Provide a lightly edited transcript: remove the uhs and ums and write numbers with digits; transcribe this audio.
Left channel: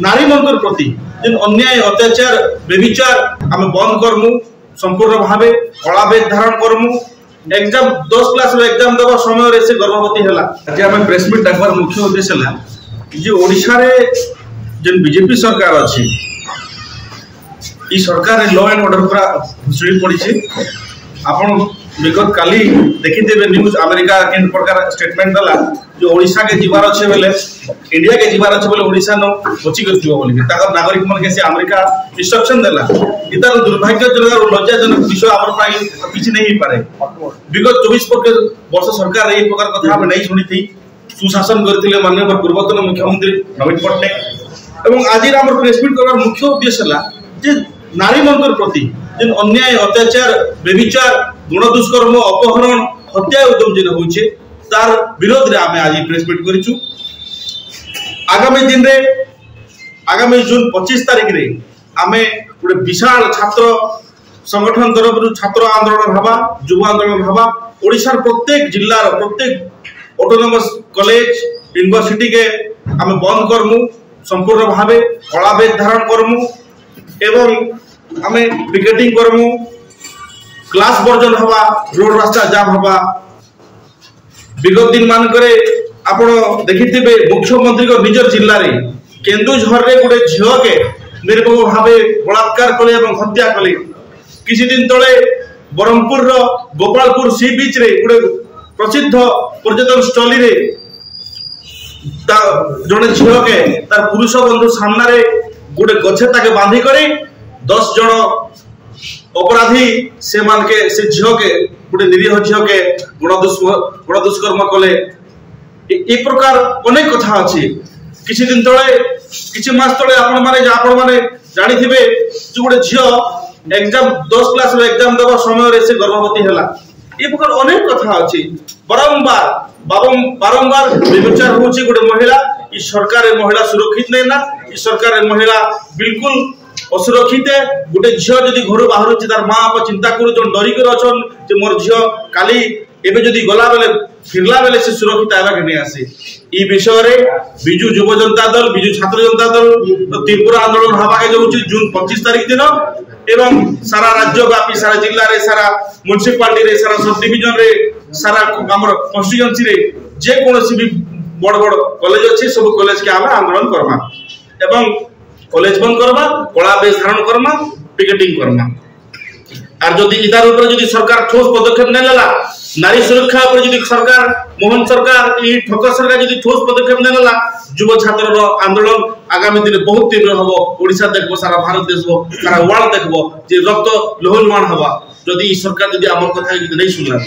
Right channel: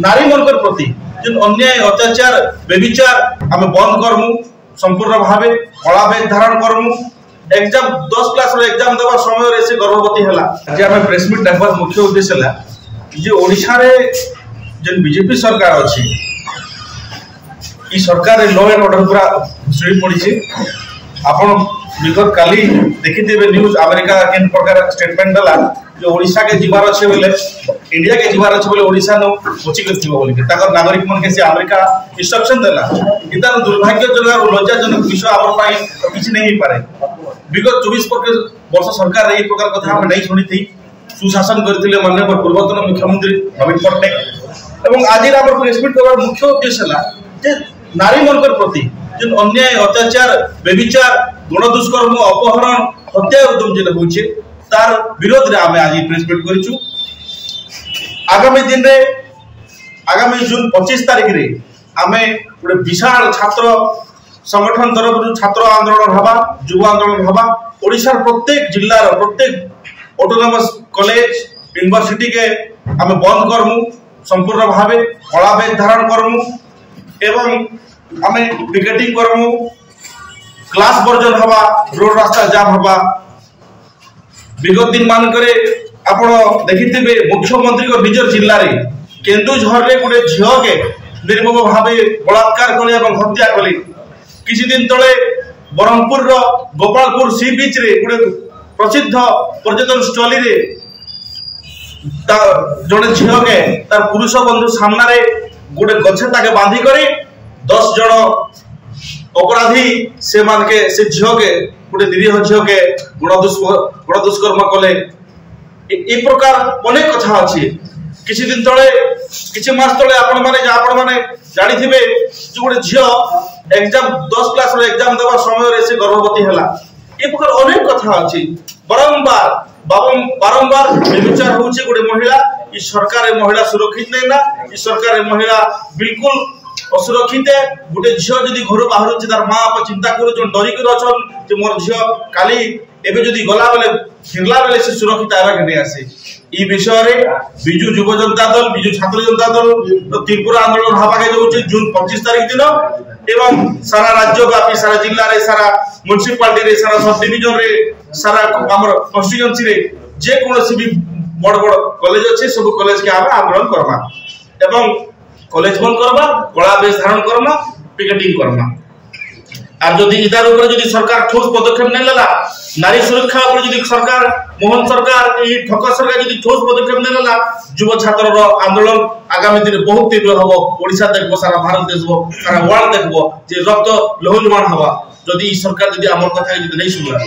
नारी मनकर प्रति जिन अन्याय अत्याचार बेविचार आम बंद करमु संपूर्ण भावे कला बेग धारण करमु। एग्जाम 10 क्लास एग्जाम देवा समय से गर्भवती है। आज आम प्रेस मीट डाकबार मुख्य उद्देश्य है जे ओडिशा रे जेन बीजेपी सरकार अच्छी ई सरकार लॉ एंड ऑर्डर पूरा भुसुड़ी पड़ी। आपण विगत काली देखिथे न्यूज अमेरिका केन प्रकार स्टेटमेंट दला जो ओडिशा के जीवार अच्छे बेले इंडिया के जीवार अच्छे बेले ओडिशा न बची करथिबो बोली ताकर नागरिक मन के से अमेरिका इंस्ट्रक्शन देला। इतार दुर्भाग्यजनक और लज्जाजनक विषय हमर पाई किछि नहीं पारे। विगत 24 वर्ष सरकार ए प्रकार कथा हम नहीं सुनी थी। सुशासन करथिले माननीय पूर्वतन मुख्यमंत्री नवीन पट्टनायक एवं आज हमर प्रेस मीट करबार मुख्य उद्देश्य है जे नारी मनकर प्रति जिन अन्याय अत्याचार बेविचार गण दुष्कर्म अपहरण हत्या उद्यम जेन होचे तार विरोध रे आमे आज प्रेस मीट करिछु। आगामी दिन रे आगामी जून 25 तारिख रे आमे गोटे विशाल छात्र संगठन तरफ छात्र आंदोलन हवा युवा आंदोलन हवा। ओडिशार प्रत्येक जिल्लार प्रत्येक ऑटोनोमस कॉलेज यूनिवर्सिटी के आमे बंद करमु संपूर्ण भावे कला बेग धारण करमु एवं आमे पिकेटिंग करमु क्लास वर्जन हवा रोड रास्ता जाम हवा। विगत दिन मानकरे आपण देखिथिबे मुख्यमंत्री को निजर जिल्ला रे केन्दुझर रे गोटे झियो के निर्मम भावे बलात्कार कले एवं हत्या कले। किछि दिन तळे ब्रह्मपुर रो गोपालपुर सी बीच रे गोटे प्रसिद्ध पर्यटन स्थली रे जने झियो के तार पुरुष बंधु सामना रे गोटे गछे ताके बांधी करे 10 जन अपराधी से मान के से झियो के गोटे निरीह झियो के गण दुष्कर्म कले। ए प्रकार अनेक कथा अछि। किछि दिन तळे किछि मास तळे आपण माने जानि थिबे जे गोटे झियो एग्जाम 10 क्लास एग्जाम देवा समय से गर्भवती है। ए प्रकार अनेक कथा अछि। बारंबार बेविचार होछि गोटे महिला। ई सरकार महिला सुरक्षित नहीं ना। ई सरकार महिला बिल्कुल असुरक्षित है। गोटे झियो जदि घर बाहर तार माँ बापा चिंता कर डरिक अच्छन जे मोर झियो काली एबे जदि गला बेले फिरला बेले से सुरक्षित आवा के नहीं आसे। ई विषय रे बिजू युव जनता दल बिजू छात्र जनता दल त्रिपुरा आंदोलन हवा के जाउछि जून 25 तारिख दिन एवं सारा राज्य व्यापी सारा जिल्ला रे सारा म्युनिसिपालिटी रे सारा सब डिवीजन रे सारा हमर कॉन्स्टिट्यूएंसी रे जे कोनोसी भी बड़ बड़ कॉलेज अच्छे सब कॉलेज के आमे आंदोलन करमा एवं कॉलेज बंद करबा कला बेस धारण करमा पिकेटिंग करमा। आर जदि इदार ऊपर जदि सरकार ठोस पदक्षेप नै लेला नारी सुरक्षा ऊपर जदि सरकार मोहन सरकार ई ठक सरकार जदि ठोस पदक्षेप नै लेला युवा छात्र रो आंदोलन आगामी दिन बहुत तीव्र हबो। ओडिशा देखबो सारा भारत देखबो सारा वर्ल्ड देखबो जे रक्त लोहलुहान हबा जदि ई सरकार जदि हमर कथा जदि नै सुनला।